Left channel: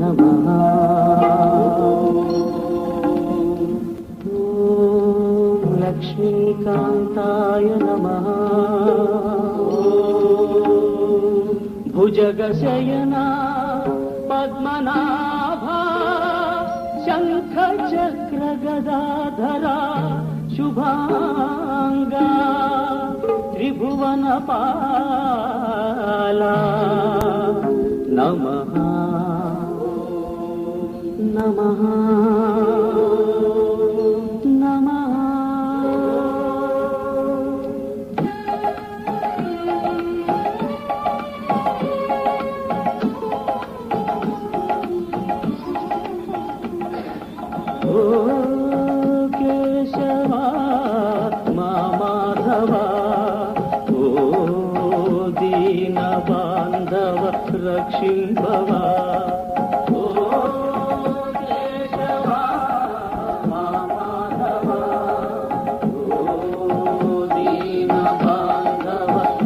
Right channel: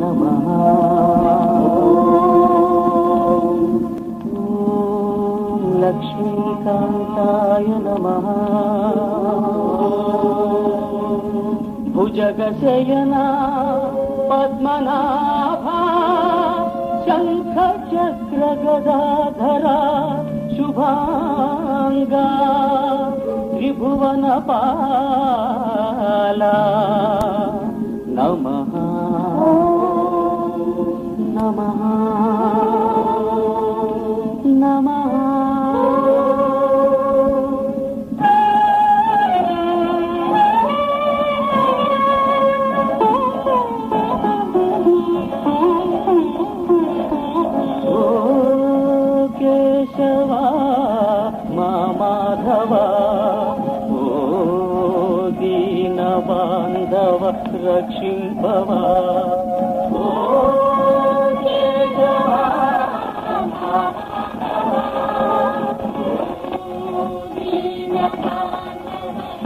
నమః. లక్ష్మీకాంతాయ నమః. భుజగశయనా పద్మనాభా శంఖ చక్ర గదాధరా శుభాంగా త్రిభువన పాలా నమః నమః నమః.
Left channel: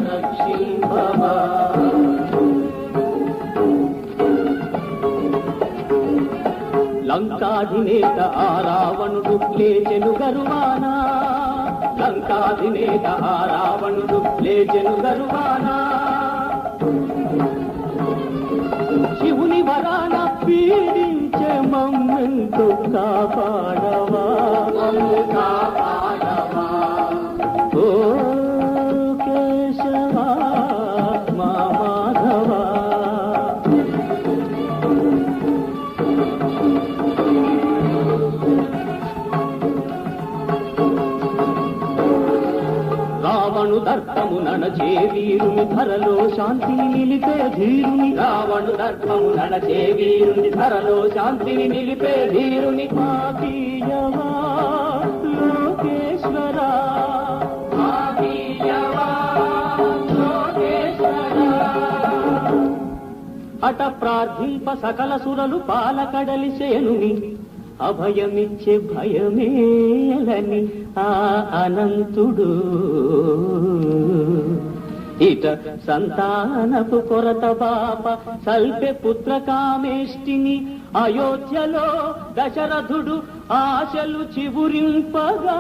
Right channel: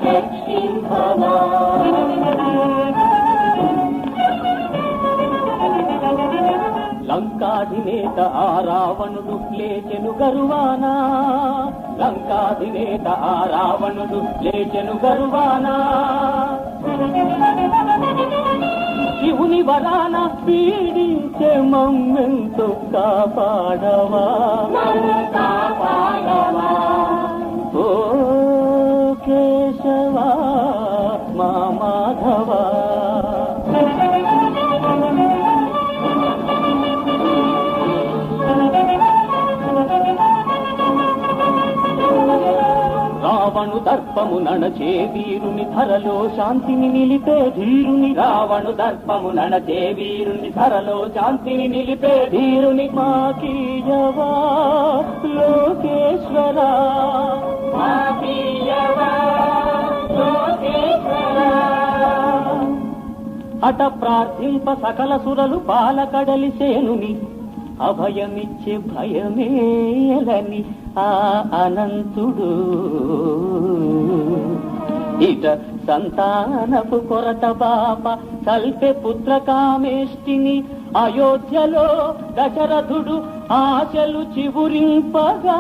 రక్షింపవా లంకాధినేత ఆ రావణుడు లేచెను గరువానా. లంకాధినేత ఆ రావణుడు లేచెను గరువానా. శివుని వరాన పీడించే మమ్మెంతో కాపాడవా కాపాడవా. ఓ కేశవా మా మాధవా. రావణు దర్పము నడచే వీరుని ధరలో శాంతిని నిలిపే ధీరుని. రావణు దర్పము నడచే వీరుని ధరలో శాంతిని నిలిపే ధీరుని. మాకీయవా లోకేశ్వరా మాకీయవా లోకేశ్వరా. అట ప్రార్థింప సకల సురలు పాలకడలి సేనుని. అభయమిచ్చే భయమేలని ఆ అనంతుడు. ఇట సంతానపు కొరత బాప సల్పె పుత్ర కామేష్టిని. అయోధ్యలో దశరథుడు ఆశలు చివురింపగా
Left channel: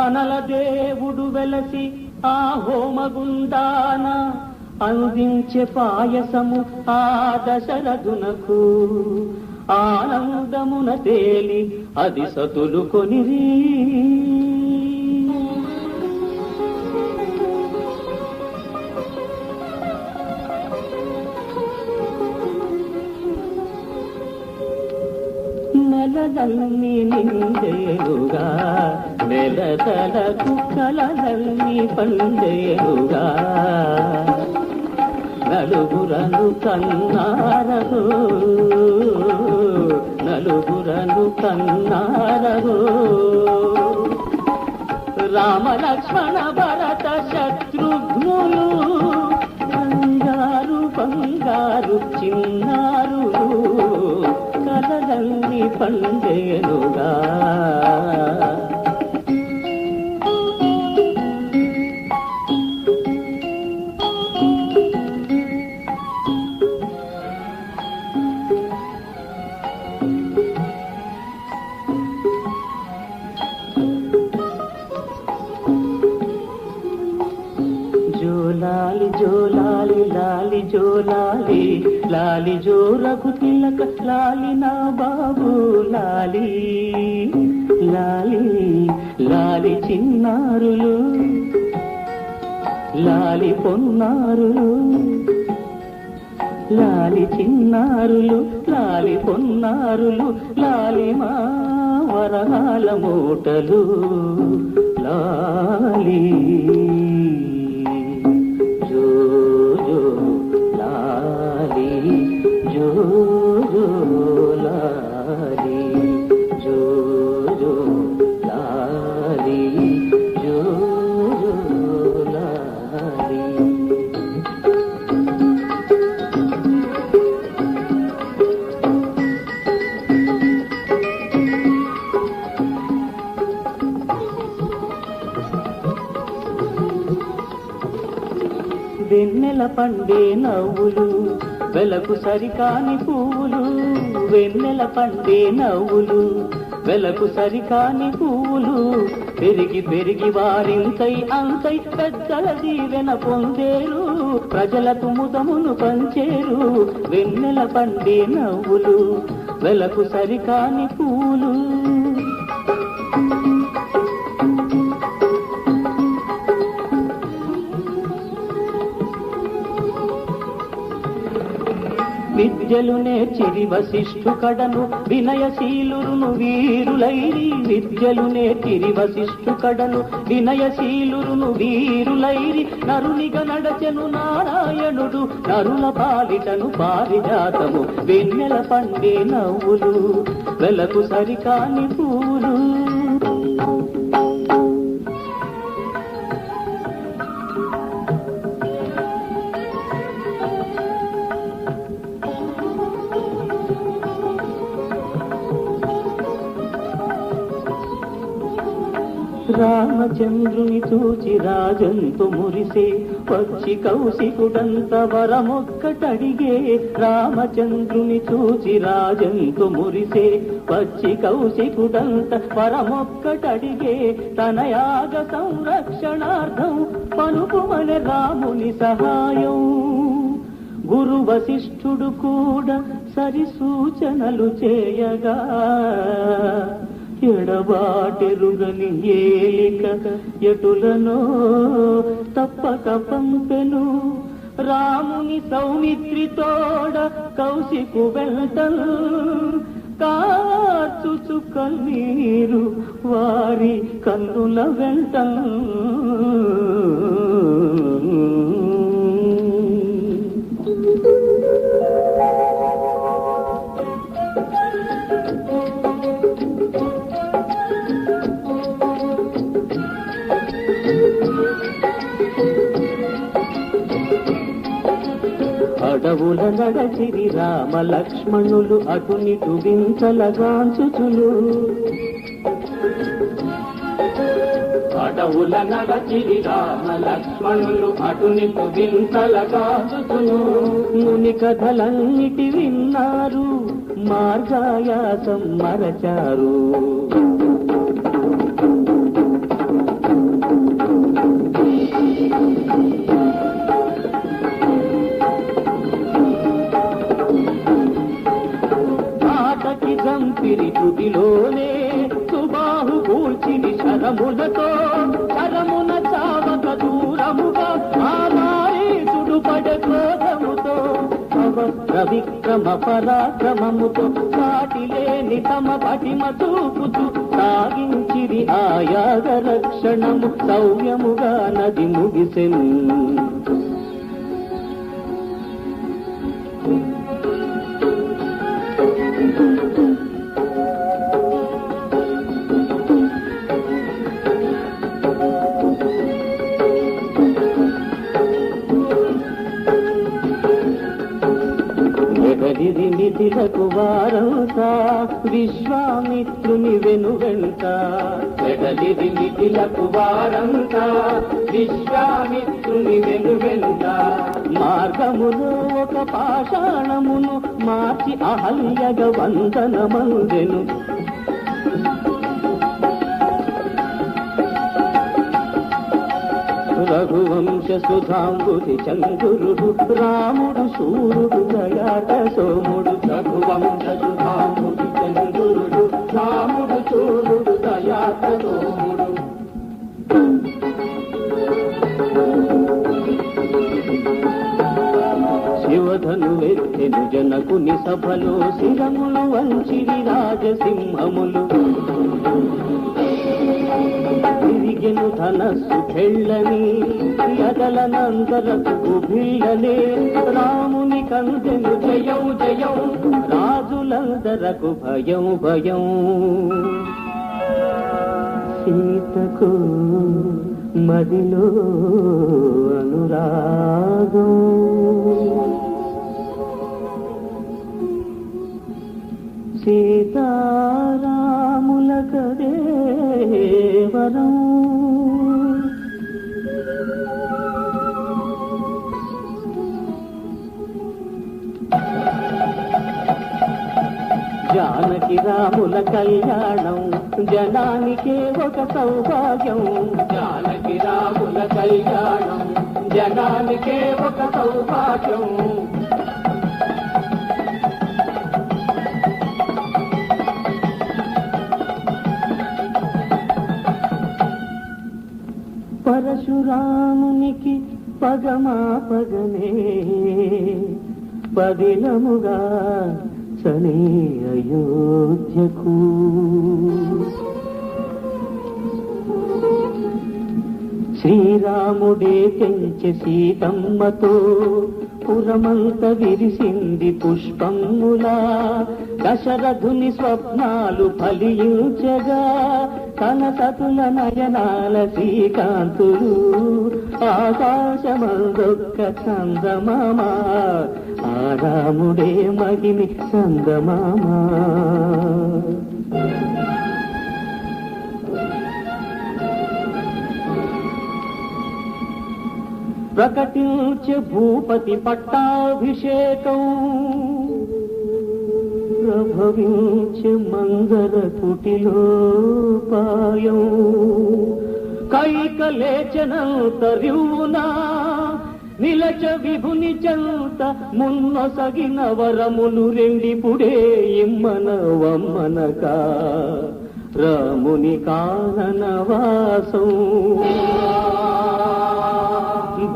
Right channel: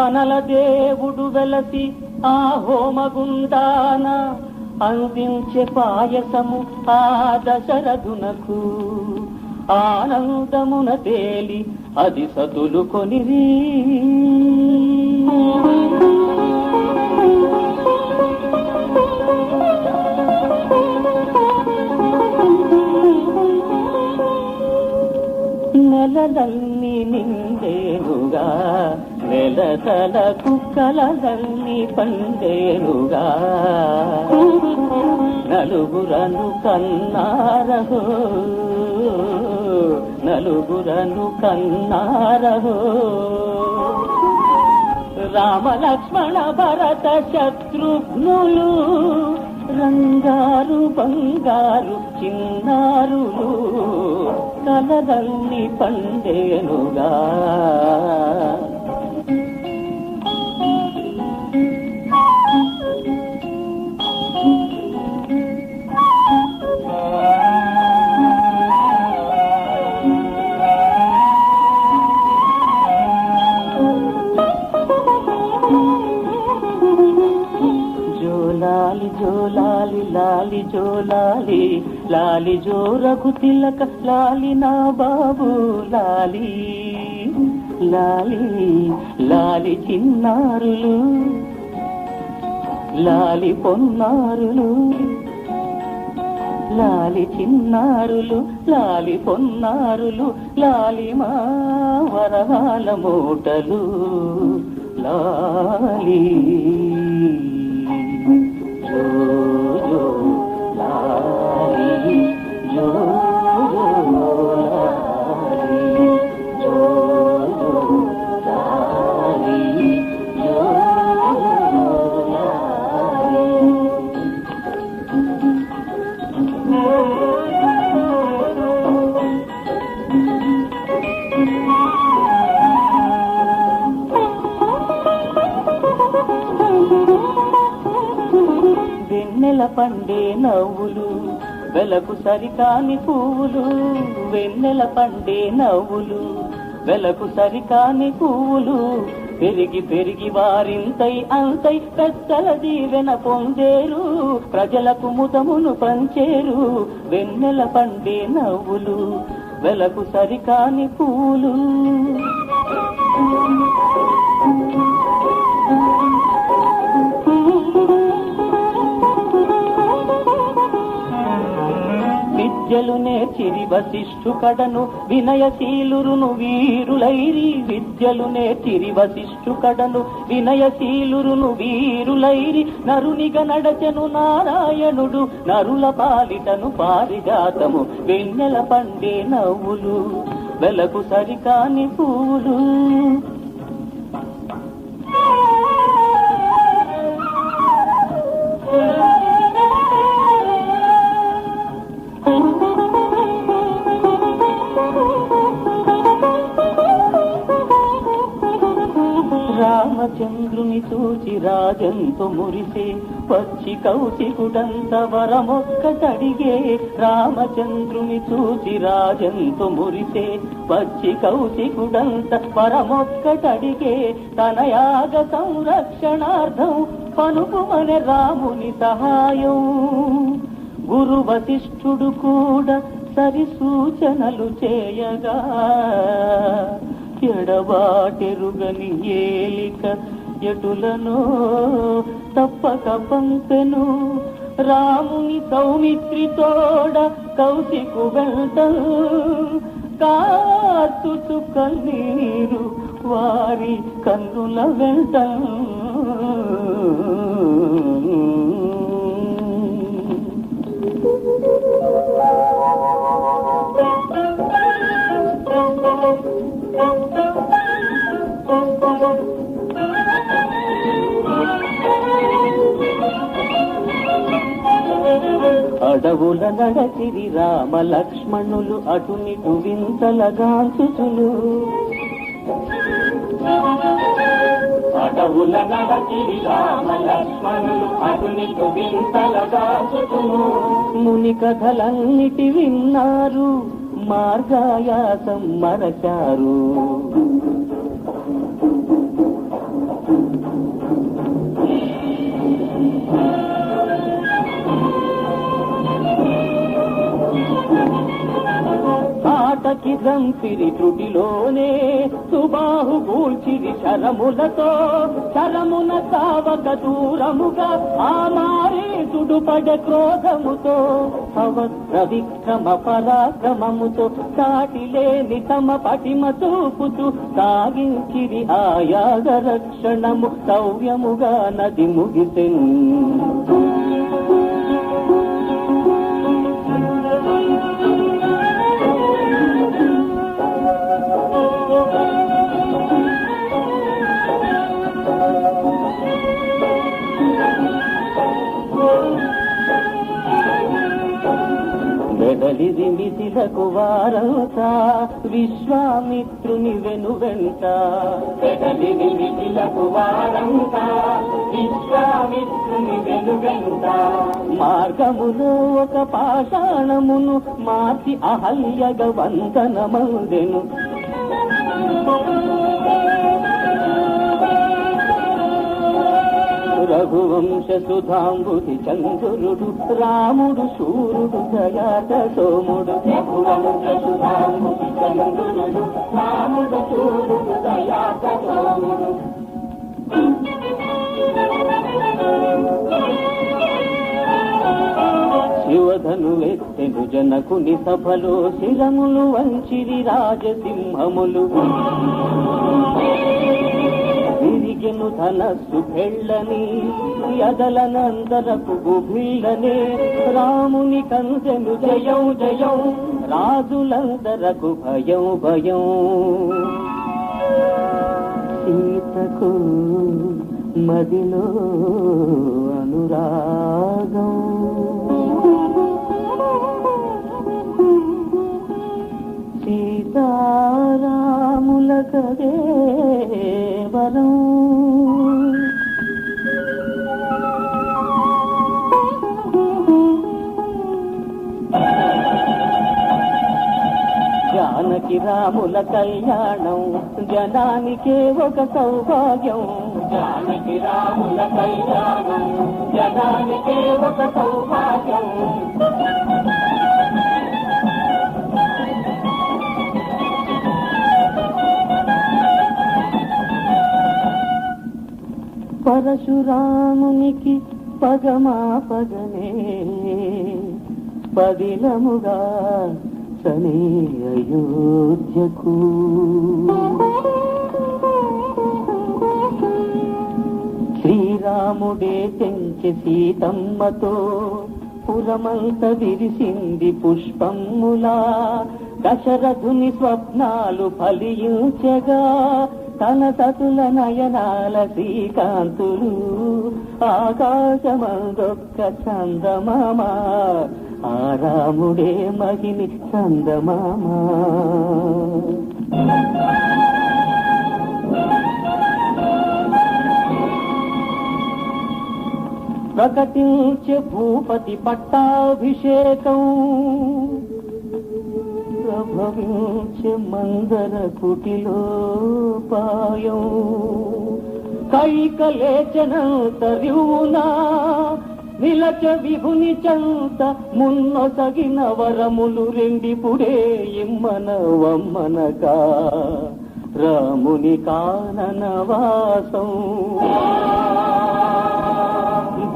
అనల దేవుడు వెలసి ఆ హోమగుండాన అందించే పాయసము ఆ దశరథునకు. ఆనందమున తేలి అది సతులు కొనిది. నెలలన్నీ నిండేరుగా నెలతలకు కలలన్నీ పండేరుగా. నలుగురను కన్నారను నలుగురను కన్నారను. రామ లక్ష్మణ భరత శత్రుఘ్నులు బంగారు బంగారు చిన్నారులు కలలన్నీ పండేరుగా. లాలి జోలాలి లాలి జో రఘుతిలక లాలి నా బాబు లాలి లాలి లాలి చిన్నారులు లాలి పొన్నారులు లాలి చిన్నారులు లాలి పొన్నారులు లాలి మా వరహాల మూటలు లాలి. వెలకు సరికాని పువ్వులు వెన్నెల పండే నవ్వులు వెలకు సరికాని పువ్వులు పెరిగి పెరిగి వారింతై అంతై పెద్దల జీవన పొందేరు ప్రజలకు ముదమును పంచేరు వెన్నెల పండే నవ్వులు వెలకు సరికాని పువ్వులు విద్యలు నేర్చిరి వశిష్ఠు కడను వినయశీలురును వీరులైరి విద్యలు నేర్చిరి వశిష్ఠు కడను వినయశీలురును వీరులైరి నరునిగా నడచెను నారాయణుడు నరుల పాలిటను పారిజాతము వెన్నెల పండే నవ్వులు వెలకు సరికాని పువ్వులు రామచంద్రుని చూచి రాజంతు మురిసే వచ్చి కౌశికుడంత వరమొక్కటడిగే రామచంద్రుని చూచి రాజంతు మురిసే వచ్చి కౌశికుడంత వరమొక్కటడిగే తన యాగ సంరక్షణార్థం పలుకుమనే రాముని సహాయం గురు వశిష్ఠుడు కూడా సరి సూచనలు చేయగా ఎడబాటెరుగని ఏలిక ఎటులను తప్పక పంపెను రాముని సౌమిత్రితోడ కౌశికు వెంట కార్చుచు కన్నీరు వారి కన్నుల వెంట అడవుల నడచిరి రామ లక్ష్మణులు అటునిటు వింతలగాల్చుచులు అడవుల నడచిరి రామ లక్ష్మణులు అటునిటు వింతలగాల్చుచులు ముని కథలన్నిటి విన్నారు మార్గాయాసం మరచారు ఆటకి గంపిరి తుడిలోనే సుబాహు కూల్చిని శరములతో శరమున చావక దూరముగా ఆ మారీచుడు పడ క్రోధముతో విక్రమ పరాక్రమముతో సాటిలేని తమ పటిమ చూపుతూ సాగించిరి ఆయాగ రక్షణము సౌర్యముగా నది ముగిసెను విశ్వామిత్రుని వెనువెంట విశ్వామిత్రుని వెనువెంట మార్గమును ఒక పాషాణమును మార్చి అహల్యగ వందనమందెను రఘువంశ సుధాంబుది చంద్రుడు రాముడు సూర్యుడు జగత సోముడు రఘువంశ సుధాంబుది చంద్రుడు రాముడు సూర్యుడు జగత సోముడు శివధను ఎత్తెను జనకుని సభలో శిలములు వంచిరి రాజసింహములు తిరిగెను ధనస్సు పెళ్ళని యదలనందలకు పిల్లనే రాముని కందెను జయం జయం రాజులందరకు భయం భయం సీతకు మదిలో అనురాగం సీతారాముల కదే వరం కళ్యాణం జనానికే ఒక సౌభాగ్యం. జానకి రాముల కళ్యాణం జనానికే ఒక సౌభాగ్యం. పరశురామునికి పగమా పగమే పదిలముగా చలే అయోధ్యకు. శ్రీరాముడే తెంచి సీతమ్మతో పురమంత విరిసింది పుష్పములా. దశరథుని స్వప్నాలు ఫలించగా తన సతుల నయనాల శ్రీకాంతులు. ఆకాశమందొక్క చందమామ ఆ రాముడే మగిమి చందమామ. ప్రకటించే భూపతి పట్టాభిషేకం ప్రభవించే మందర కుటిలో పాయం. కైకలేచనంతర్యూనా నిలచ విభుని చంత మున్నొసగిన వరములు రెండిపుడే ఇమ్మన వమ్మనగా రాముని కాననవాసం.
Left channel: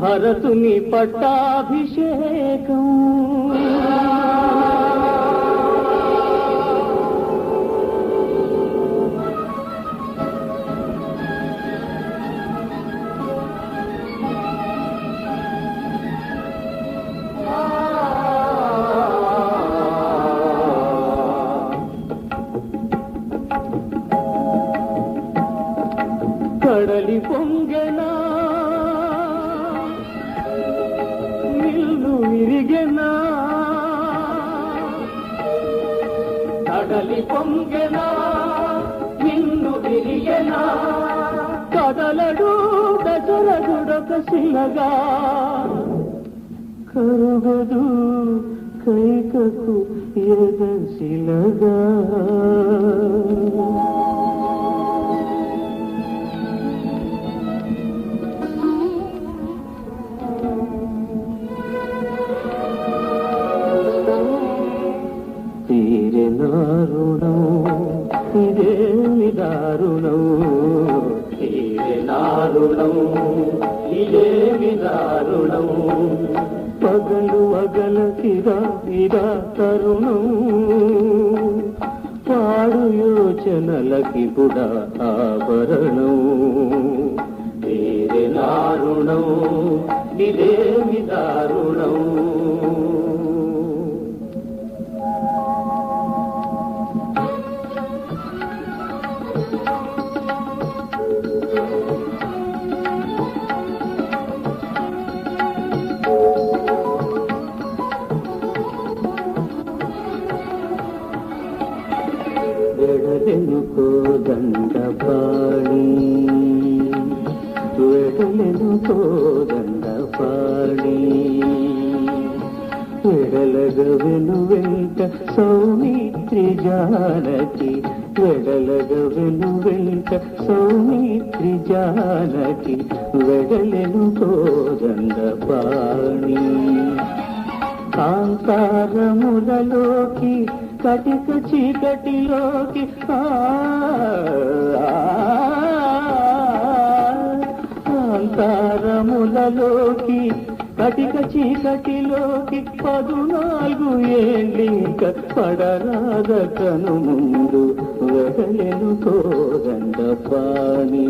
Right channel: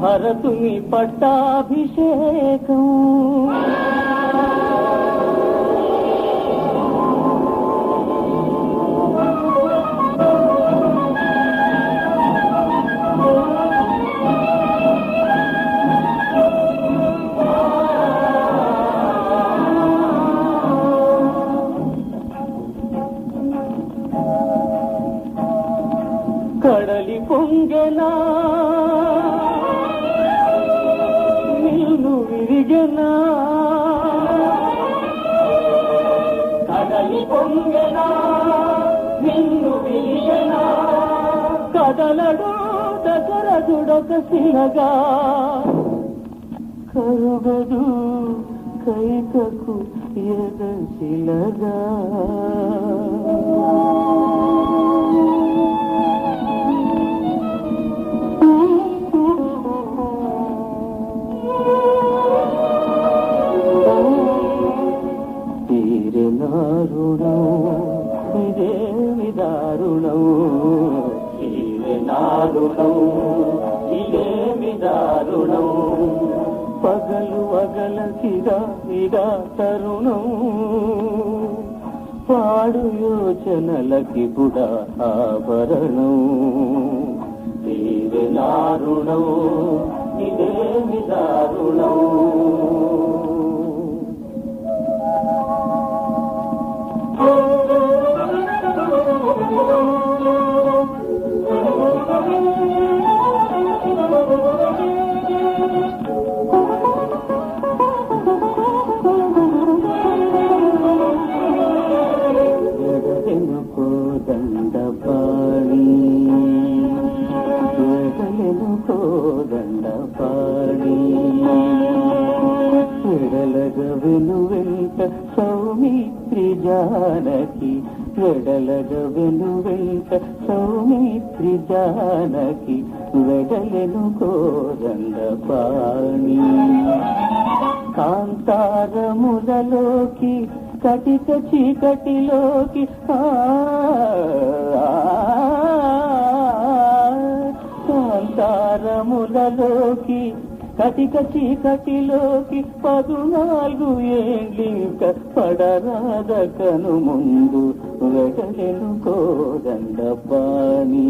భరతుని పట్టాభిషేకం కడలి పొంగెనా నిల్లు విరిగెనా. కడలి పొంగెనా నిన్ను విరియెనా. కడలడు దశరథుడొక శిలగా కరుగదు కైకకు ఎదశిలగా. పగలు అగల ఇదా తరుణం పాడు యోచనలకి కూడా ఆభరణం. తీరే దారుణం ఇదేమి దారుణం. సౌమిత్రి జానకి వెడలగవెను వెంట సౌమిత్రి జానకి వెడలెను కోదండపాణి. కాంతారములలోకి కటిక చీకటిలోకి కాంతారములలోకి కటిక చీకటిలోకి 14 ఏళ్ళింక పడరాద కను ముందు వెడలెను కోదండపాణి.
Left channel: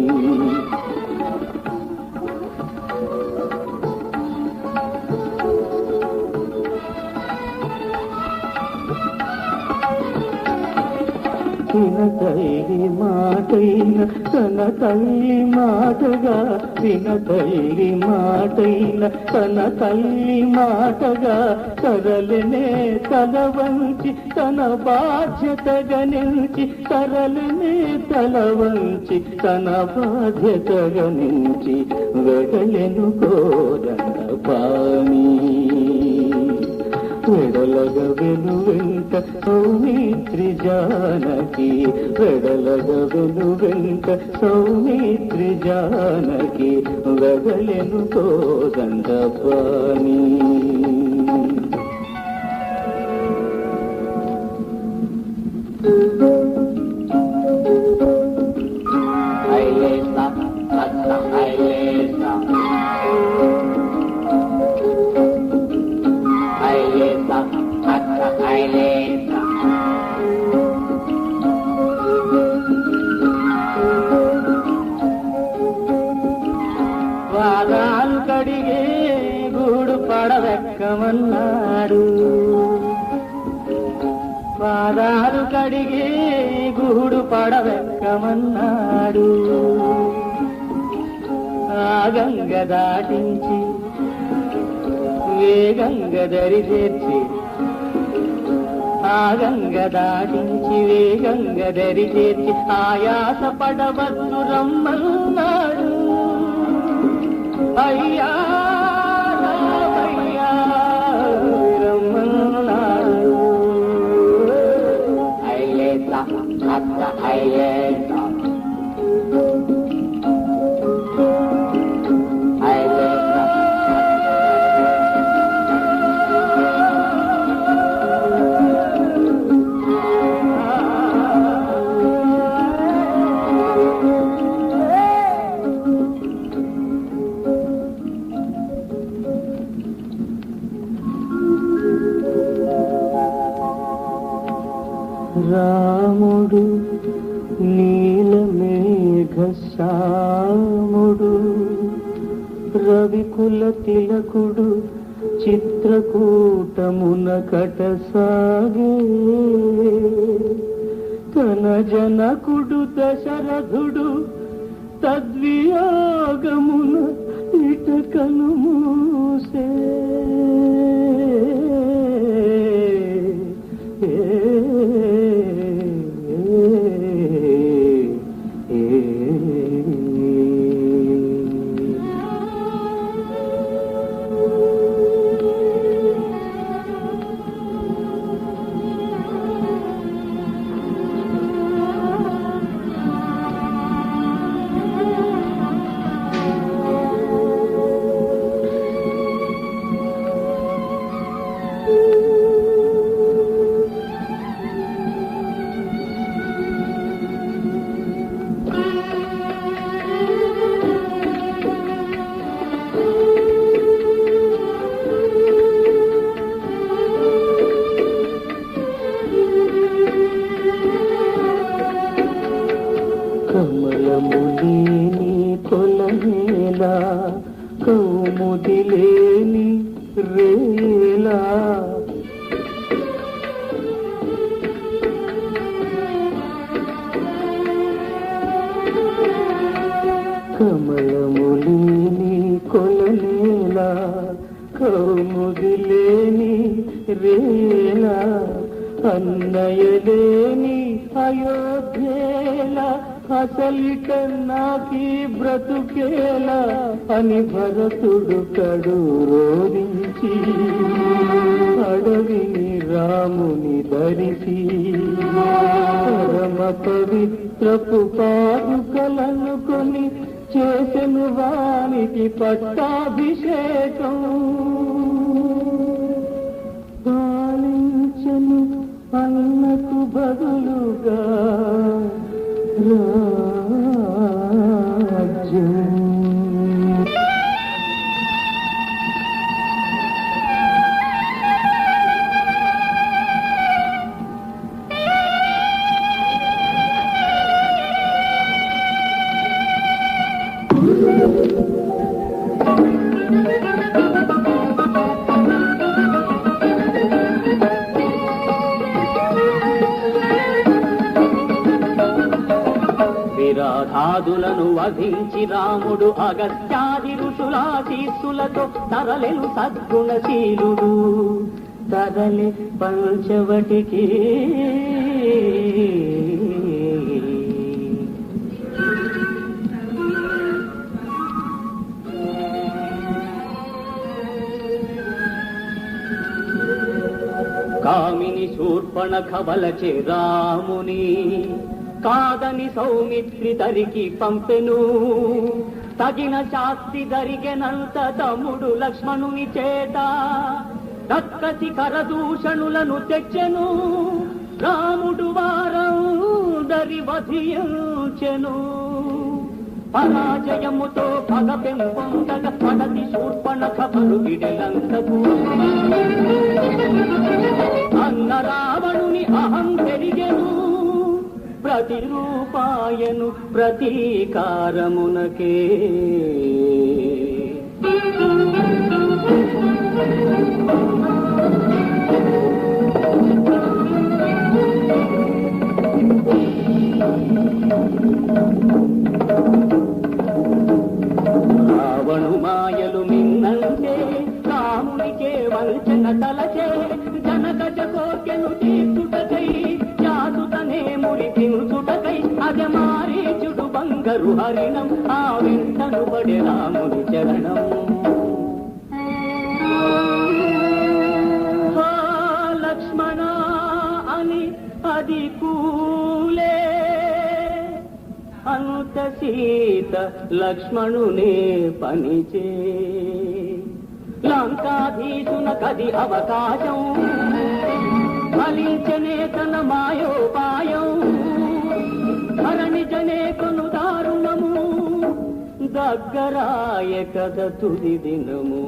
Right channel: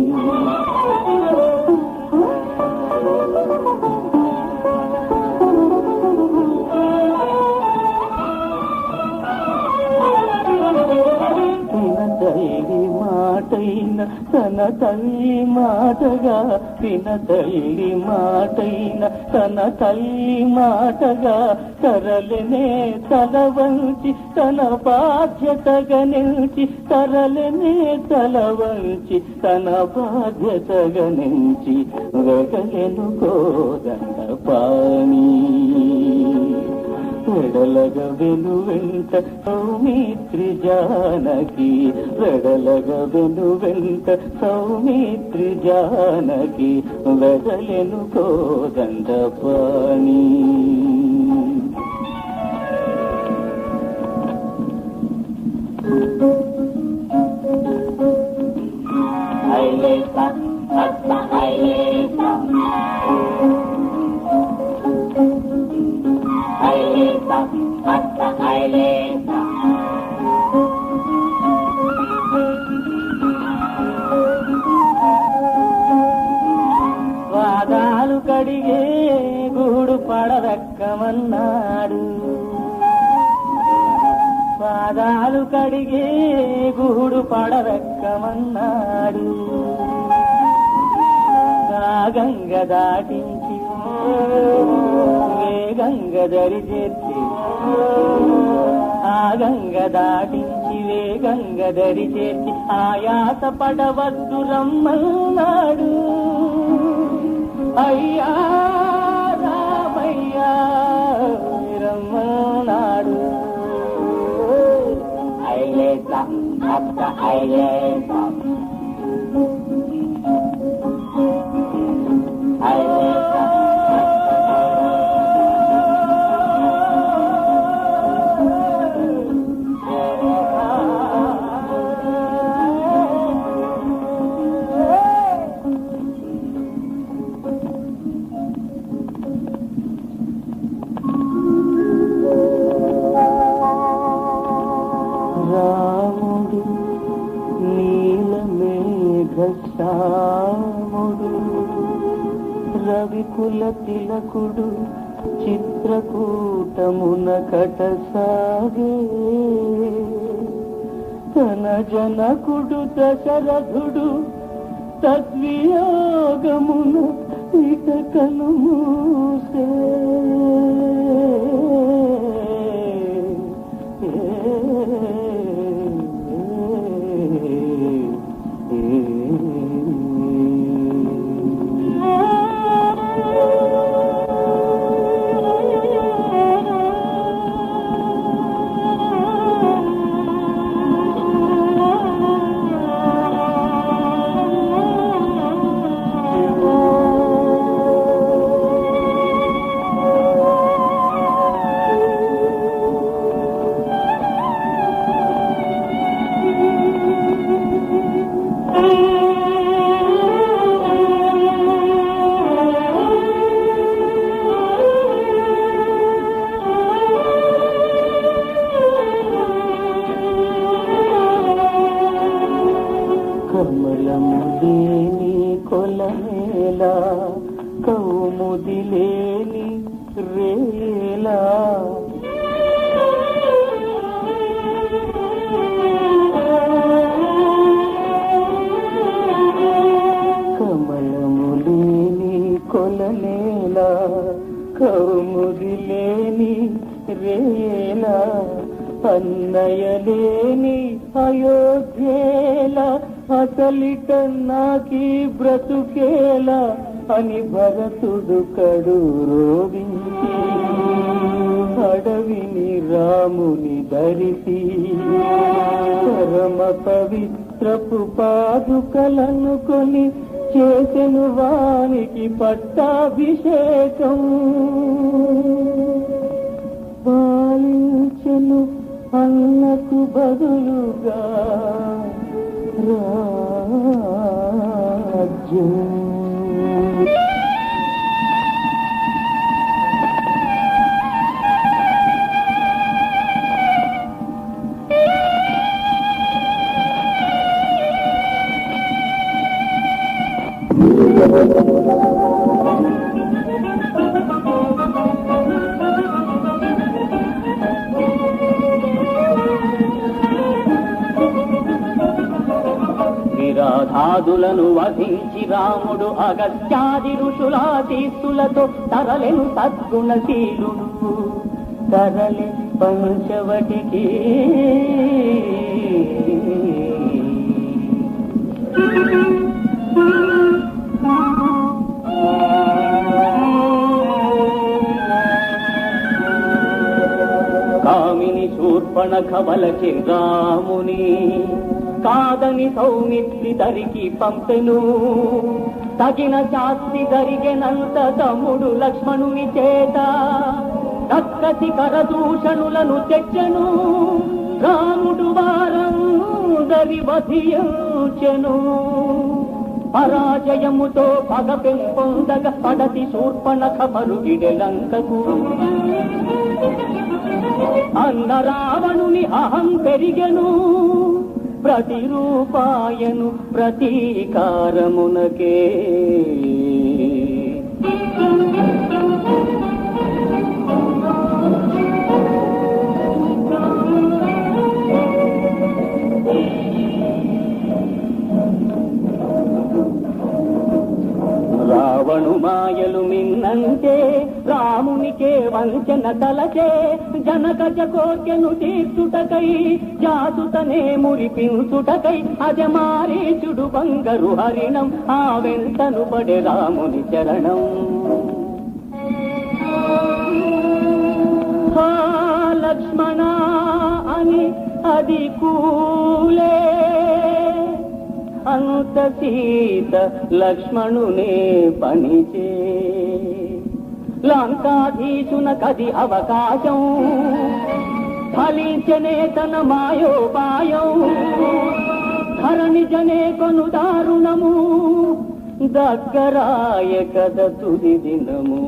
తన తల్లి మాటగా విన తల్లి మాటైన తన తల్లి మాటగా తరలనే తల వంచి తన బాధ్యతగా నిలిచి. తరలనే తల వంచి తన బాధ్యతగా నిలిచి వెడలెను కోదండపాణి. వెడలగ వెను వెంట సౌమిత్రి జానకి వెడవెను వెంట సౌమిత్రి జానకి వెడలెను కోదండపాణి. పాదాలు కడిగే గూడు పడవెక్కమన్నాడు, పాదాలు కడిగే గూడు పడవెక్కమన్నాడు. ఆ గంగ దాటించి వేగంగ దరి చేర్చి, ఆ గంగ దాటించి వేగంగ దరి చేర్చి ఆయాస పడవద్దు రమ్మన్నాడు. అయ్యా రామయ్యా రమ్మన్నాడు. రాముడు నీలమేఘ శ్యాముడు రవికుల తిలకుడు చిత్రకూటమున కటసాగే, తన జనకుడు దశరథుడు తద్వియోగమున ఇట కనుమూసే. కౌముది లేని వేళ కమలము లేని కొలనేల, కౌముది లేని వేళ అన్నయ లేని అయోధ్యేల అసలిట నాకి బ్రతుకేలా అని భరతుడు కరుణించి అడవిని రాముని ధరిసి పరమ పవిత్రపు పాదుకలను కొని చేసెను వానికి పట్టాభిషేకము. పాలించెను అన్నకు బదులుగా విరాధాదులను వధించి రాముడు అగత్యాది ఋషులాశీస్సులతో తరలెను సద్గుణశీలుడు, తరలి పంచవటికి కామిని శూర్పణఖ వలచె రాముని కాదని సౌమిత్రి దరికి పంపెను. తగిన శాస్తి జరిగినంత తమ్ముడు లక్ష్మణుని చేత కత్రసి కరదూషణులను తెచ్చెను. రాముడు వారందరి వధించెను. పరాజయముతో పగ పెంపొందగ పడతి శూర్పణఖ బరువిడెలంతకు. అన్న రావణుని అహం పెరిగెను. ప్రతిరూపాయను ప్రతీకారమునకే. రావణు మాయలు మిన్నంటే రామునికే వంచన తలచే. జనక కోర్కెను తీర్చుటకై జాతుతనే ముడిపించుటకై అజమారీచుడు బంగారు హరిణం. ఆ వెంటను పడే రాముని చరణం. లక్ష్మణ అని అది కూలే. అంత సీత లక్ష్మణునే పనిచే. లంకాధీశున కది అవకాశం ఫలించనే తన మాయోపాయం. భరణిజనే కొను దారుణము దగ్గరాయ కథ తుది దినము.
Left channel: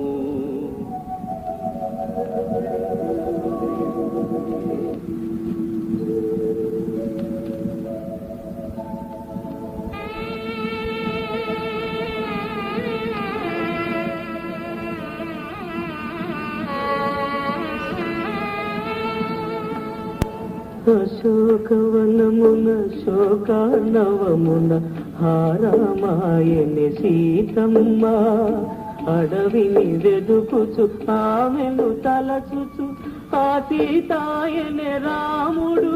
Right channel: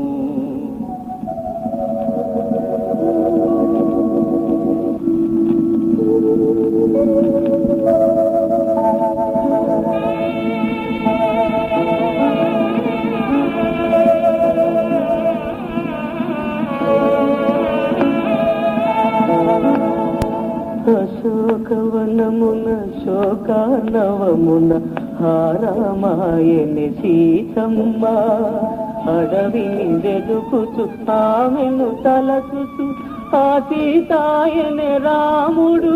శోకవనమున శోకానవమున హారమాయని సీతమ్మ. అడవిని వెదుకుచు ఆమెను తలచుచు ఆ సీతాయని రాముడు.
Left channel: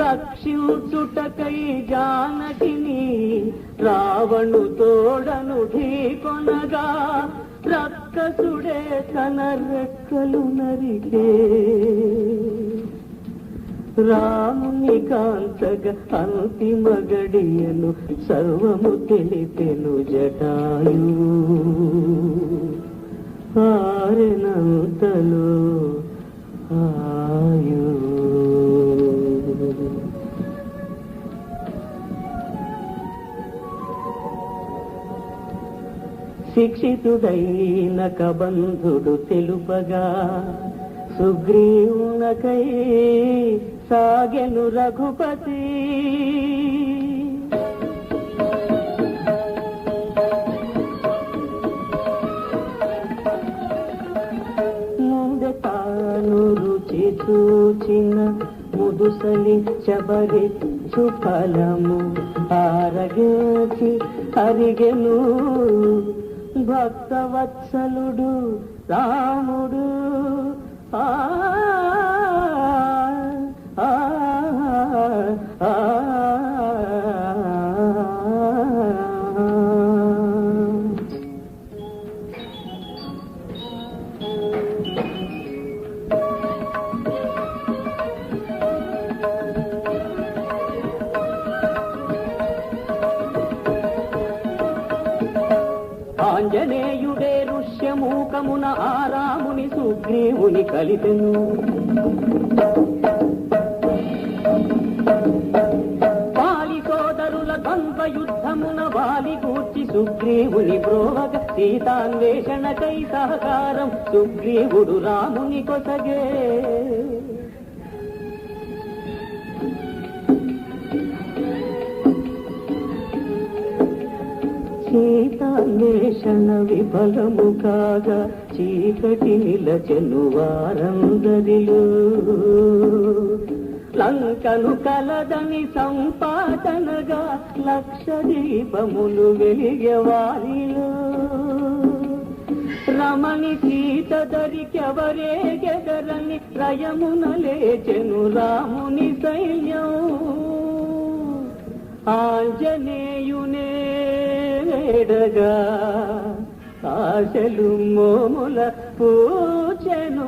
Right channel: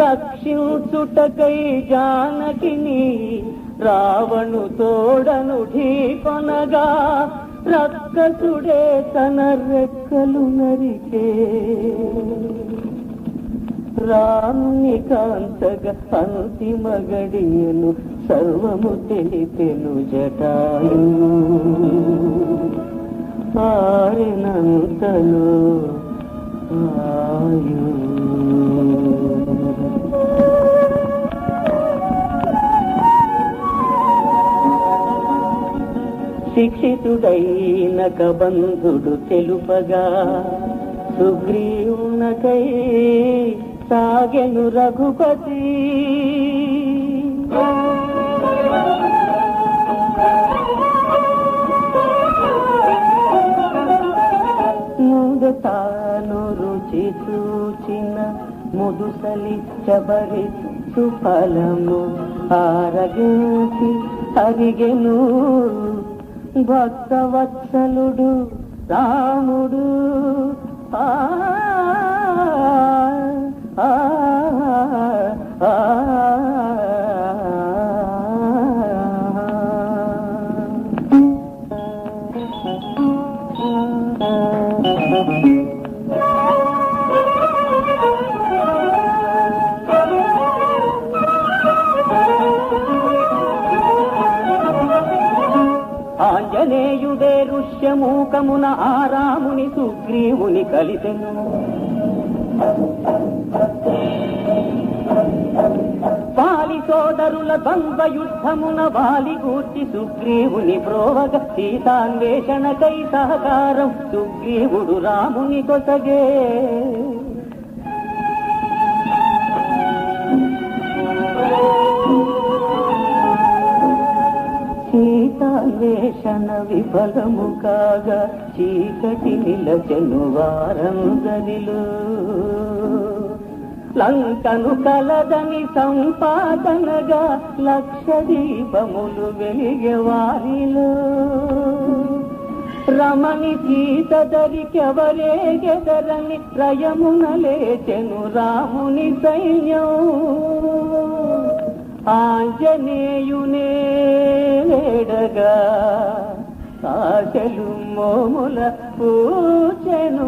రక్షించుటకై జానకిని రావణు తోడను ఢీకొనగా. రక్కసుడే తన రెక్కలు నరికే. రాముని కాంతగ అంతిమ గడియను సర్వము తెలిపెను జటాయు. పారినంతలో ఆయు. శిక్షితుడైన కబంధుడు తెలుపగా సుగ్రీవునకై సాగెను రఘుపతి. ముందు తాను రుచి చూచిన ముదుసలి శబరి సుఫలము ఆరగించి అరిగెను. భక్తవత్సలుడు రాముడు. ఆ ఆంజనేయుడే ఋష్యమూకమున ఆరాముని సుగ్రీవుని కలిసెను. వాలి సోదరుల ద్వంద్వ యుద్ధమున వాలి కూర్చి సుగ్రీవుని ప్రోవగ. సీతాన్వేషణకై సహకారం సుగ్రీవుడు రాముని కొసగే. సీతాన్వేషణ విఫలము కాగా చీకటి నిలచెను వారందరిలో. లంకను కలదని సంపాదనగా లక్ష దీపములు వెలిగే వారిలో. రమణి సీత దరికెవరే గెదరని లయమున లేచెను రాముని సైన్యం. ఆంజనేయునే వేడగా ఆశలు మోముల పూచెను.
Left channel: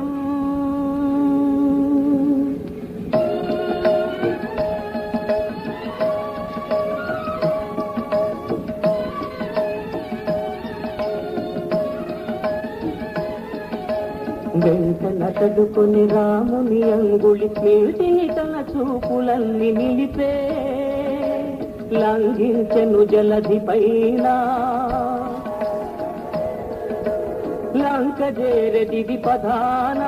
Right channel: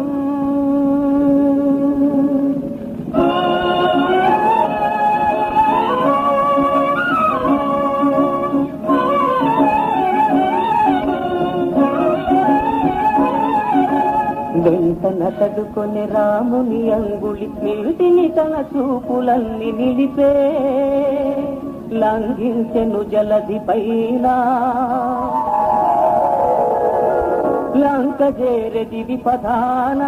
చదువుకొని రాముని అంగుళి నిలిచిని తన చూపులన్నీ నిలిపే లంఘించెను జలధి పైన లంక చేరదివి ప్రధాన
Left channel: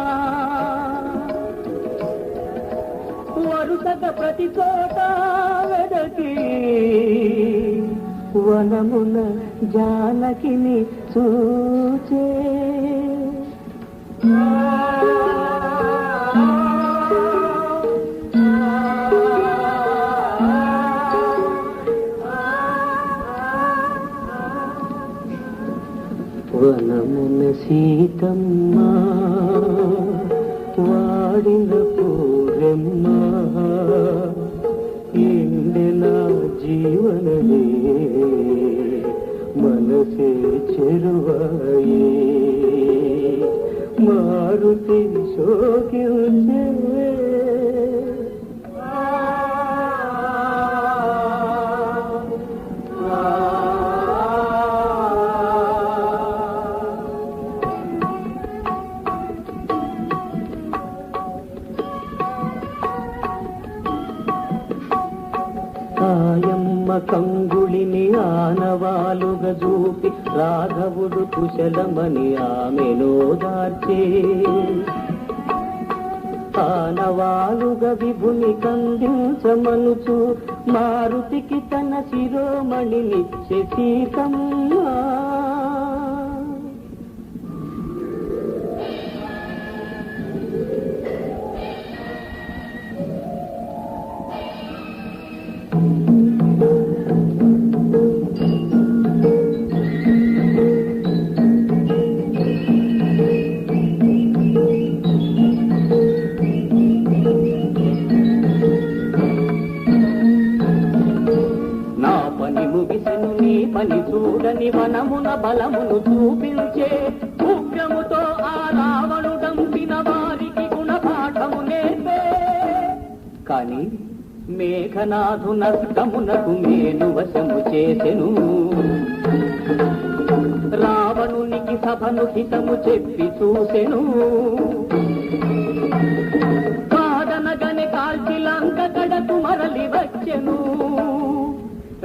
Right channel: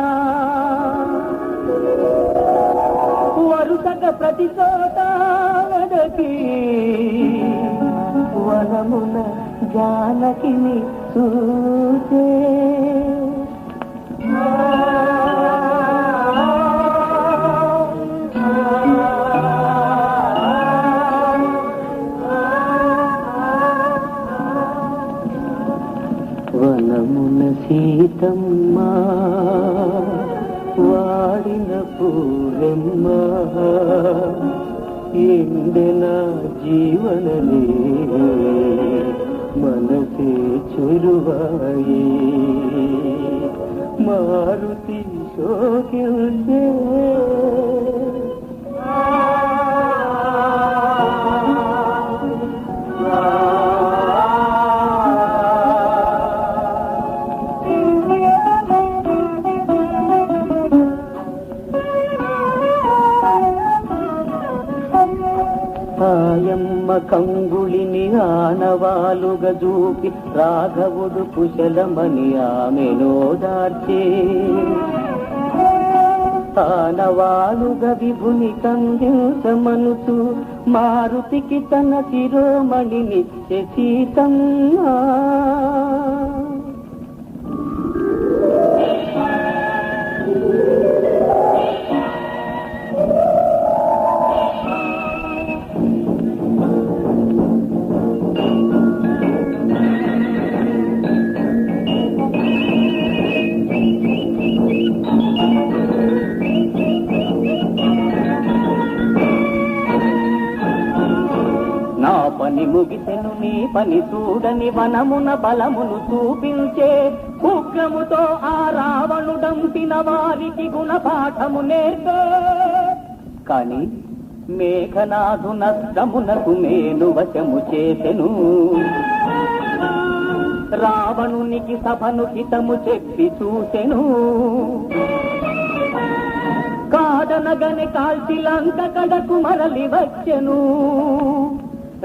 వరుసగా ప్రతి చోట వెదకి వనమున జానకిని చూచే వనమున సీతమ్మ వాడిన పూరమ్మ ఎండిన జీవనమే మనసే చెరువాయి మారుతి శోకించే కంగుళిని ఆనవాలుగా చూపి రాఘవుడు కుశలమని ఆమెలో దాచి ఆనవాలుగా విభుని కందించమనుచు మారుతికి తన శిరోమణిని సీతమ్మా పని చూడని వనమున బలమును చూపించే ఉగ్రముతో ఆ రావణు డంపిన వారికి గుణపాఠము నేర్పే కాని మేఘనాథు నష్టమునకు మేలు వశము చేసెను రావణునికి సభను హితము చెప్పి చూసెను కాదనగని కాల్చి లంక కడకు మరలి వచ్చెను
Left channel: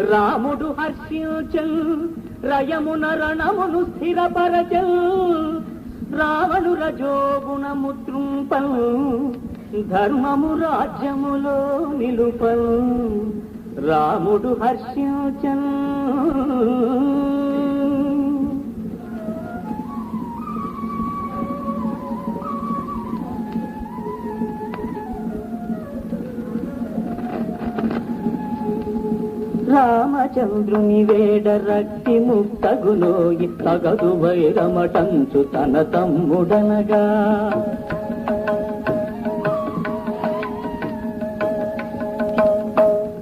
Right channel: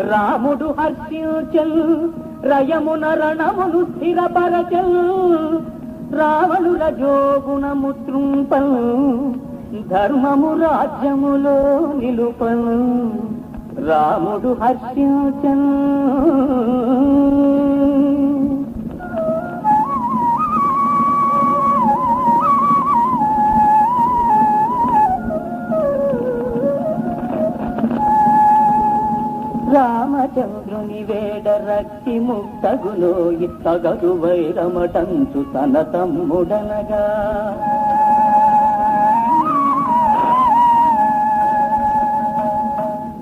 రాముడు హర్షించల్ రయమున రణమును స్థిరపరచల్ రావణుల జోగుణము తృంపల్ ధర్మము రాజ్యములో నిలుపల్ రాముడు హర్షించల్ రామచంద్రుని వేడ రక్తి ముక్తగులోయి తగదు వైరమటంచు తన తమ్ముడనగా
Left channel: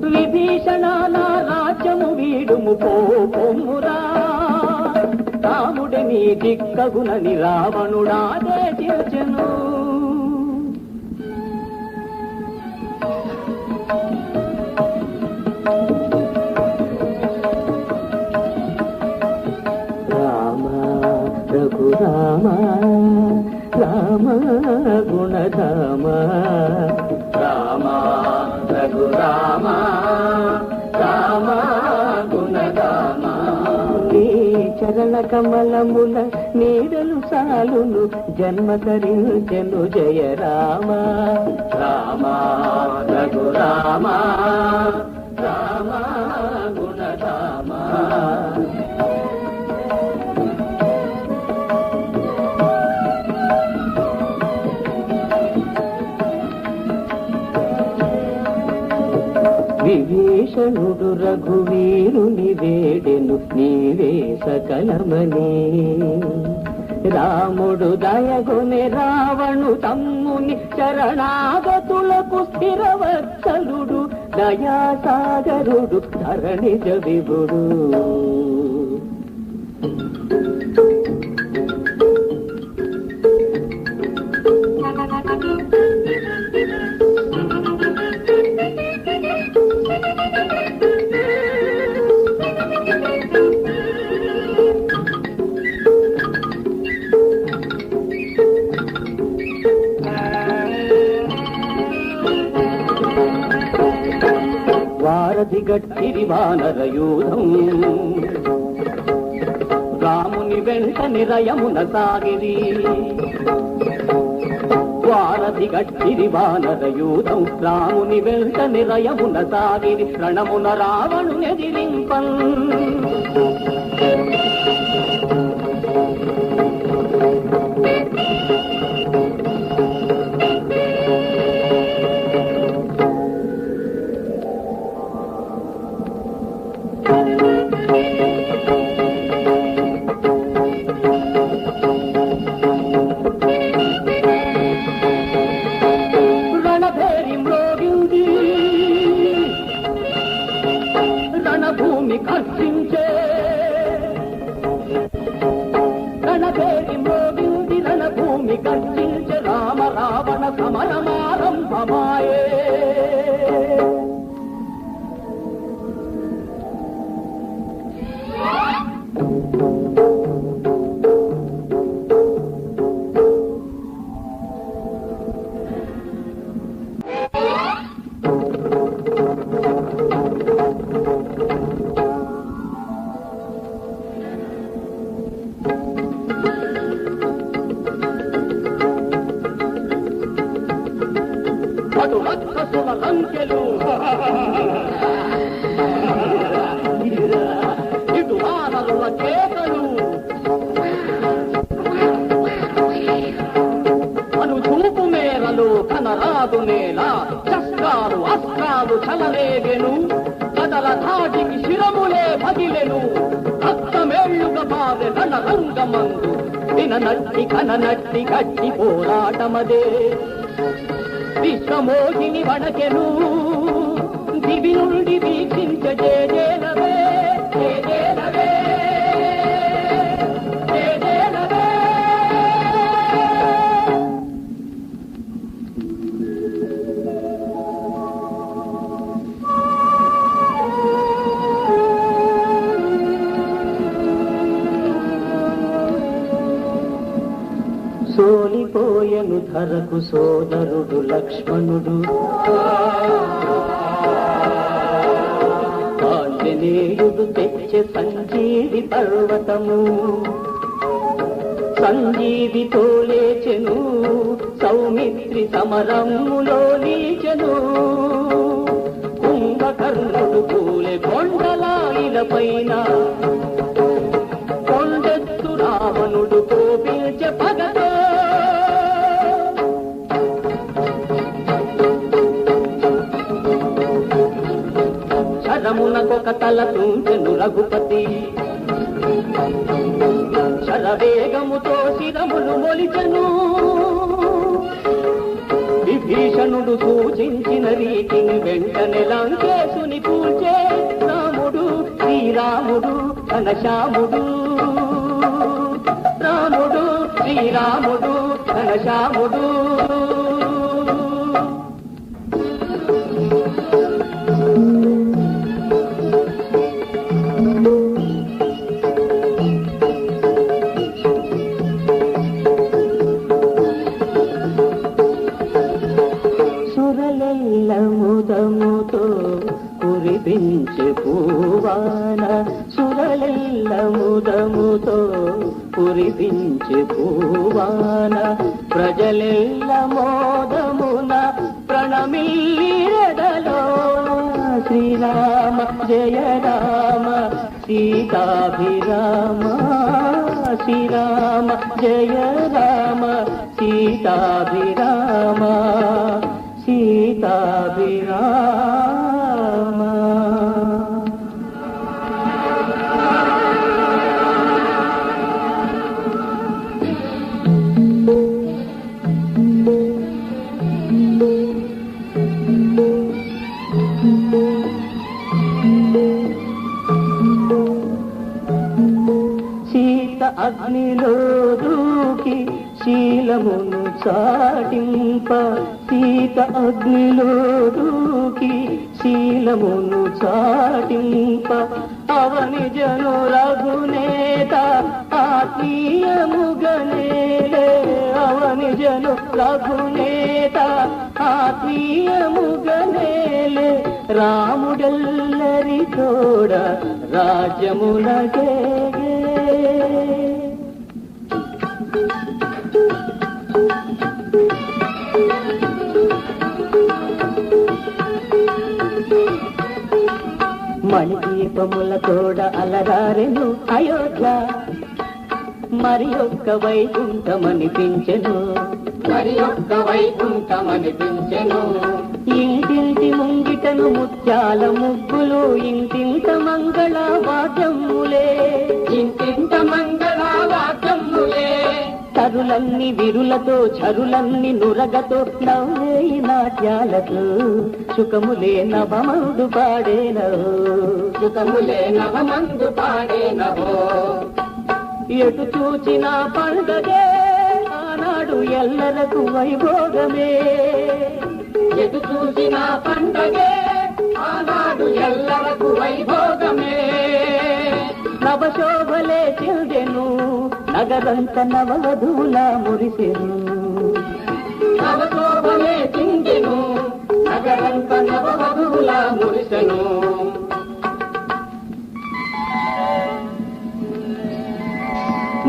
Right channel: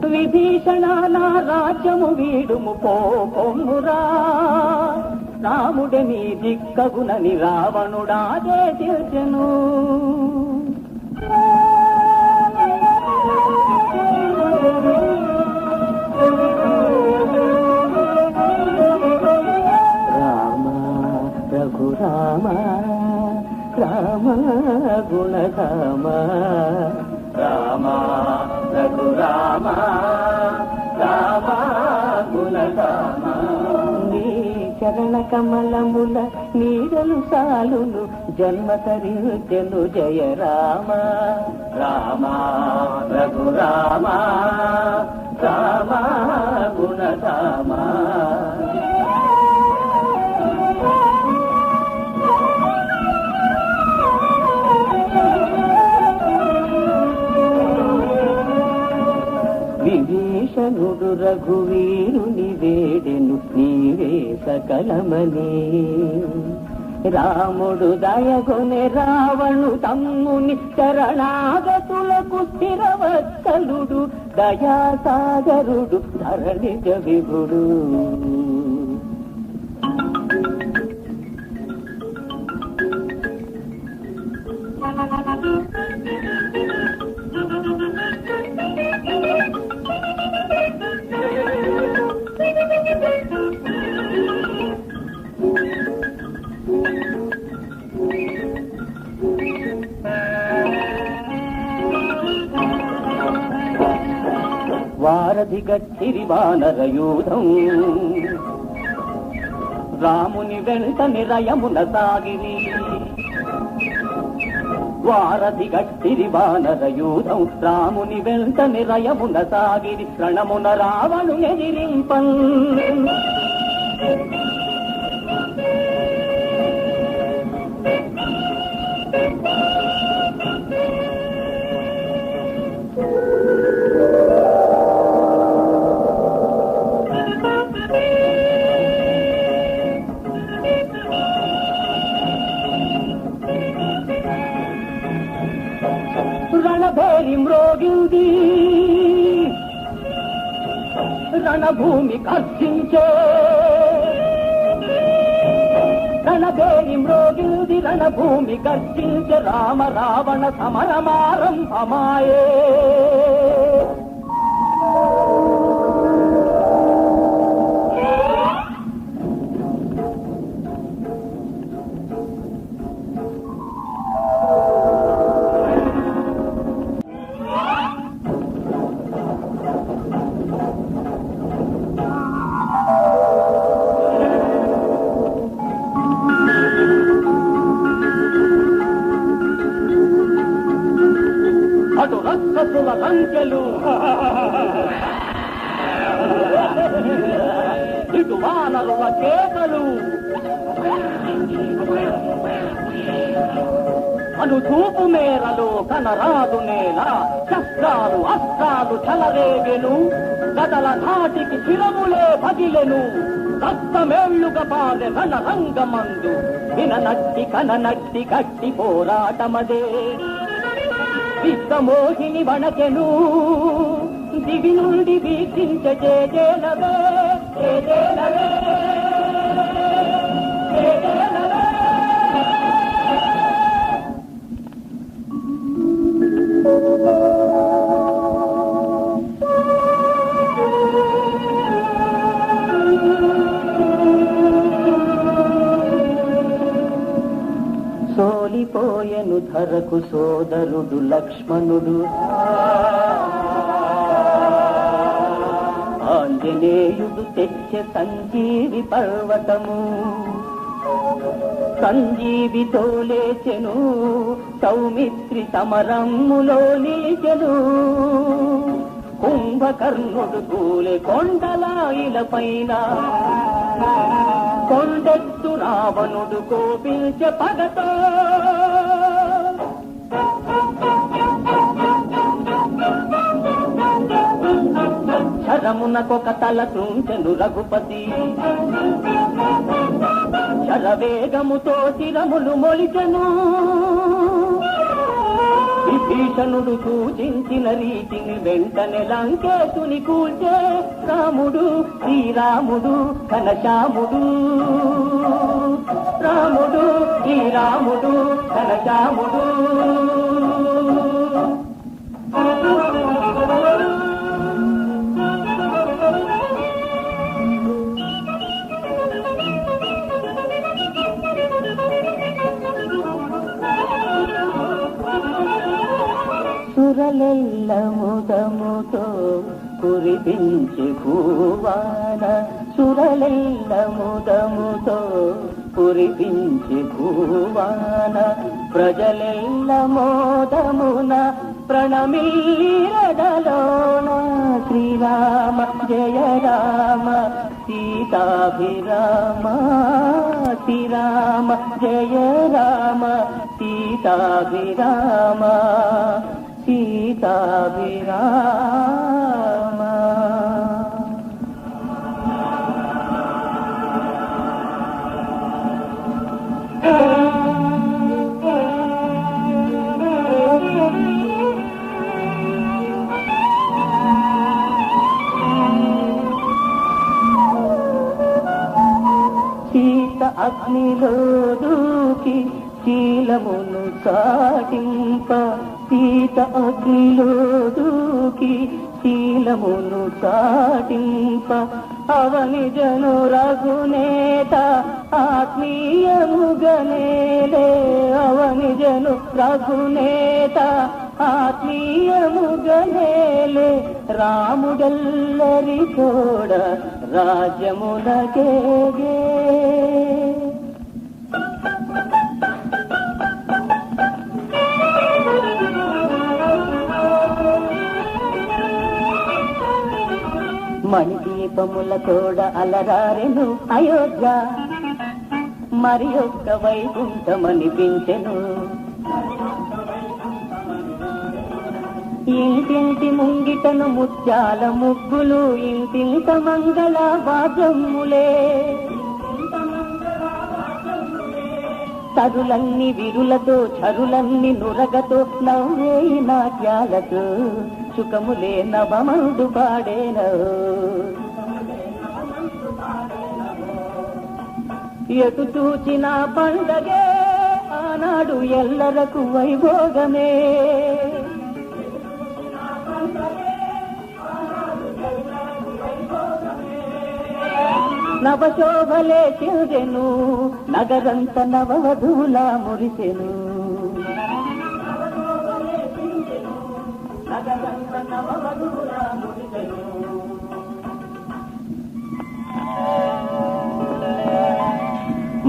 విభీషణ నా రాజ్యము వీడుము పోమురా రాముడి నీ దిక్కగునని రావణుడాదేశించెను గుణధామ రామ రఘురామ రామ గుణధామ నీ చరణ కమలముల నీడలు చాలును జన్మ తరించెను జయ రామ రామ రఘురామ రామ గుణధామ విభీషణుడు రఘువీరుని వేడెను నీవే సకలమని రాముడు దయకొనే రావణు తమ్ముని శరణాగతులకు స్థిరవత్సలుడు దయాసాగరుడు ధరణిజ విభుడు గట్టిరి వానర యూధం రాముని వెంట నిరయమున సాగిరి వారధి గట్టిరి వానర యూధం రాముని వెంట నిరయమున సాగిరి రణమున రావణు ఎదిరింపన్ భూమి కర్షించే రణభేరి మ్రోగింది రణభూమి కర్షించే రామ రావణ సమరమారంభమాయే అనుచూపు మేరలో కనరాదు నేల శస్త్రాలు అస్త్రాలు చలలేగెను కదల ధాటికి శిరములే పగిలెను రక్తమేళ్లుగా బాలె రణరంగమందు విననట్టి కననట్టి గట్టి పోరాటమదే విశ్వమోహిని వడకెను దివి నుండి వీక్షించ జేజేలవే జేజేలవే జేజేలవే సోలిపోయెను ధరకు సోదరుడు లక్ష్మణుడు ఆంజనేయుడు తెచ్చే సంజీవి పర్వతము సంజీవితో లేచెను సౌమిత్రి సమరములో నిలిచెను కుంభకర్ణుడు కూలే కొండలాయిల పైన కొండెత్తు రావణుడు కోపించే పగతో శరమునకొక తల తుంచెను రఘుపతి శరవేగముతో శిరములు మొలిచెను విభీషణుడు సూచించిన రీతిని వెంటనే లంకేశుని కూల్చే రాముడు శ్రీరాముడు ఘనశ్యాముడు రాముడు శ్రీరాముడు ఘనశ్యాముడు సురలెల్లముదముతో కురిపించే భూవాన ప్రజలెల్ల మోదమున ప్రణమిల్లెదలోను శ్రీరామ జయ రామ సీతాభిరామ శ్రీరామ జయ రామ సీతాభిరామ సీతాభిరామ అగ్నిలోకి శీలమును చాటింప సీత అగ్నిలోకి శీలమును చాటింప అవని జను రఘునేత ఆత్మీయముగనేలే అవని జను రఘునేత ఆత్మీయముగనేలే రాముడల్లరి రాజ్యములగే మణిదీపముల తోడ అలరారెను అయోధ్య మరి ఒక్క వైకుంఠమనిపించెను ఇంటింటి ముంగిటను ముత్యాల ముగ్గులు ఇంటింత మంగళ వాద్యములే చరులన్నీ విరులతో చరులన్నీ నురగతో నవ్వేయి నాట్యాలతో సుఖములే నవమందు పాడేనవో ఎటు చూచిన పండగే ఆనాడు ఎల్లరకు వైభోగమే నవశోభలే చెందెను నగరంత నవధూల మురిసెను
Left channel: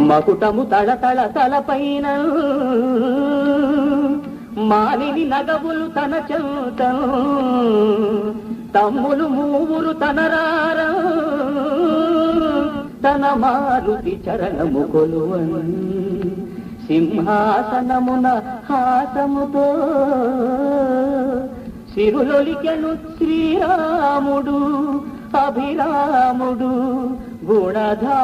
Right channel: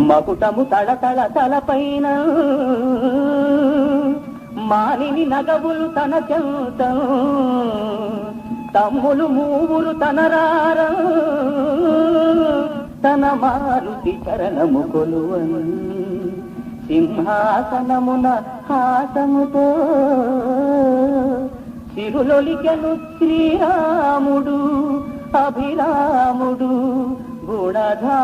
మకుటము తళతళ తలపైన మానిని నగవులు తన చెంత తమ్ములు మూవురు తనరార తన మారుతి చరణము కొలువన్ సింహాసనమున హాసముతో సిరులొలికెను శ్రీరాముడు అభిరాముడు గుణధా